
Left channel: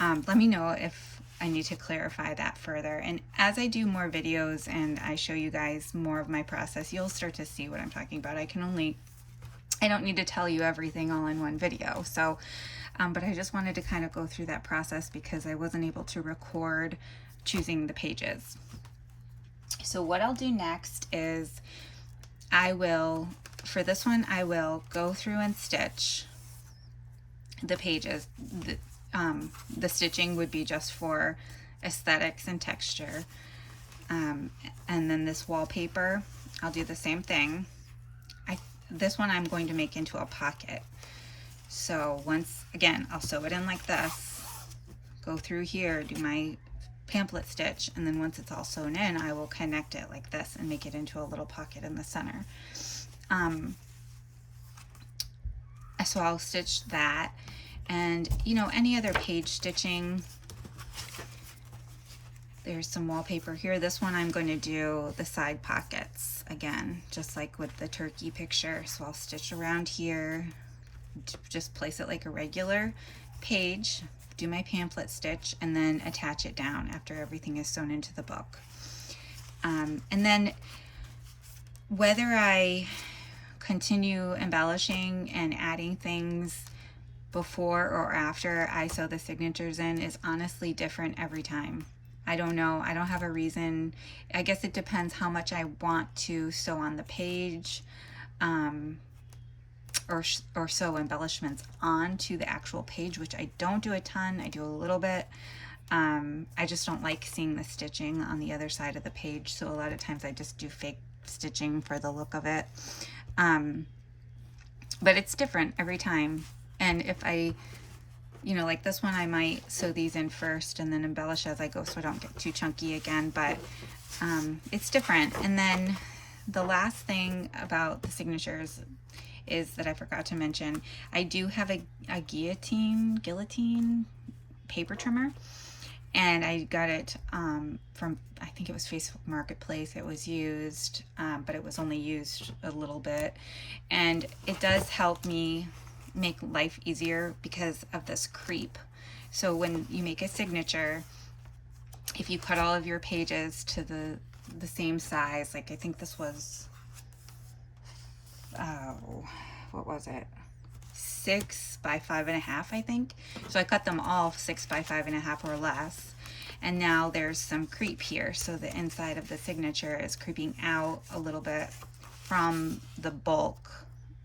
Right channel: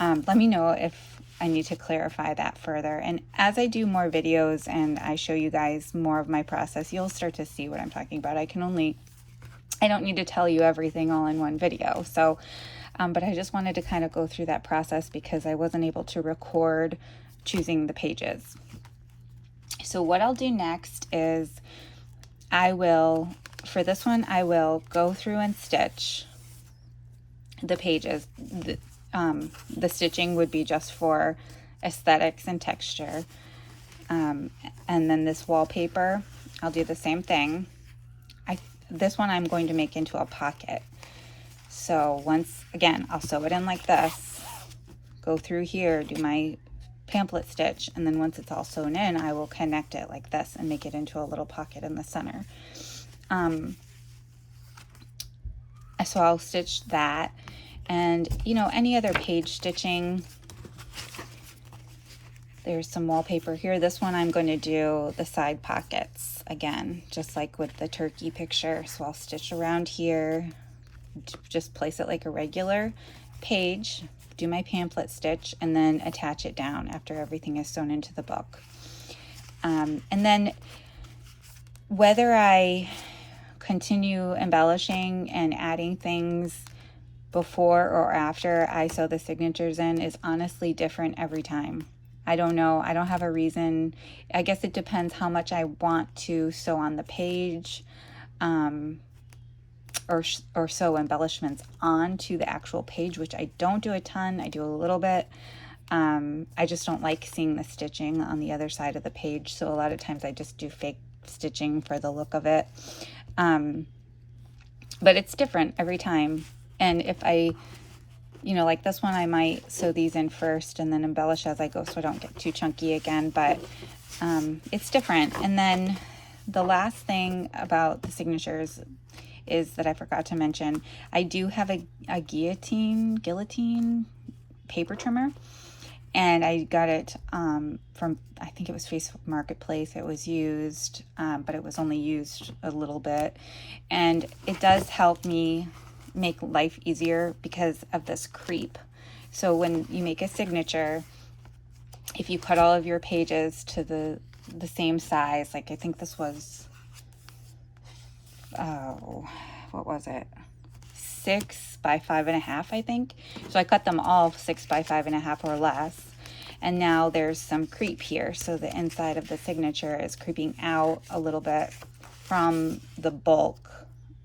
let me know if I need to clarify that further. And as I do more videos and I show you guys more of my process, you'll start to see what I'm talking about. I don't need to tell you everything all in one video. So, but I just wanted to kind of go through that process because I wasn't able to record choosing the pages. So what I'll do next is for this one, I will go through and stitch the pages. The stitching would be just for aesthetics and texture. And then this wallpaper, I'll do the same thing. This one I'm going to make into a pocket. So again, I'll sew it in like this, go through here, do my pamphlet stitch, and then once it's all sewn in, I will connect it like this and make it into a little pocket in the center. So I'll stitch that, and you know, any other page stitching. There's some wallpaper here. This one I'm going to do the side pockets again, just like with the turkey picture. So I'll stitch around here, just place it like a regular page, do my pamphlet stitch, and then attach it down after everything is sewn into the book. And then whether I continue embellishing and adding things before or after I sew the signatures in is honestly different every time. I don't know. I don't have a reason. I guess it depends how much I want to sew on the page, or sew embellishments onto the actual page, which I don't do a ton. I do a little bit. I just don't like seeing the stitching on the other side of the page, so a lot of times I just do fake stitching for the look of it. But it's different every time. And if I, you know, like this one, I might sew these in first and then embellish as I go so I don't get too chunky again, but it's different. And then the last thing about the signatures is that I forgot to mention, I do have a guillotine paper trimmer, and I got it from, I think it was Facebook Marketplace. It was used, but it was only used a little bit, and it does help me make life easier because of this creep. So when you make a signature, if you cut all of your pages to the same size, like I think this was, what was it? 6 by 5.5, I think. So I cut them all 6 by 5.5 or less. And now there's some creep here. So the inside of the signature is creeping out a little bit from the bulk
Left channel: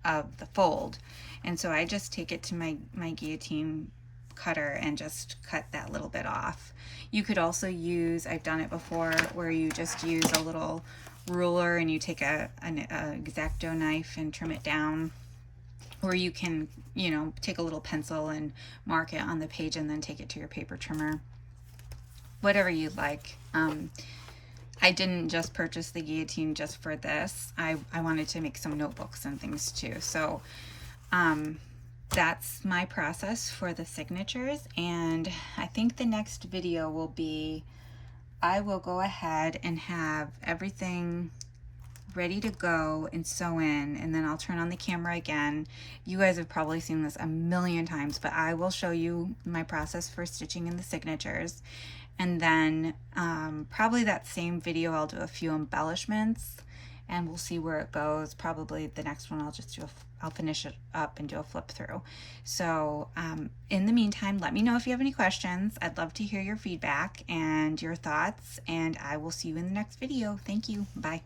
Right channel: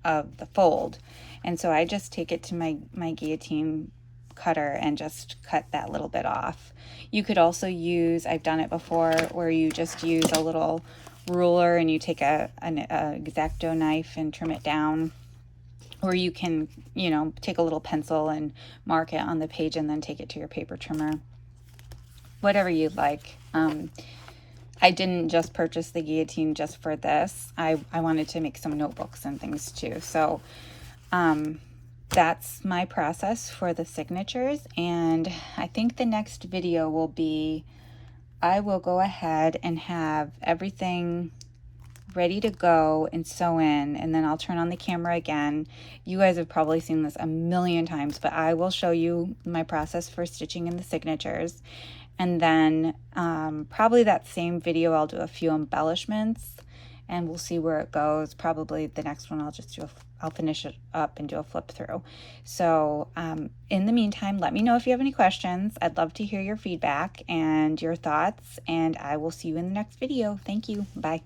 of the fold. And so I just take it to my guillotine cutter and just cut that little bit off. You could also use, I've done it before, where you just use a little ruler and you take an X-Acto knife and trim it down. Or you can, you know, take a little pencil and mark it on the page and then take it to your paper trimmer. Whatever you'd like. I didn't just purchase the guillotine just for this. I wanted to make some notebooks and things too. So that's my process for the signatures. And I think the next video will be, I will go ahead and have everything ready to go and sew in, and then I'll turn on the camera again. You guys have probably seen this a million times, but I will show you my process for stitching in the signatures. And then probably that same video I'll do a few embellishments and we'll see where it goes. Probably the next one I'll finish it up and do a flip through. So in the meantime, let me know if you have any questions. I'd love to hear your feedback and your thoughts, and I will see you in the next video. Thank you. Bye.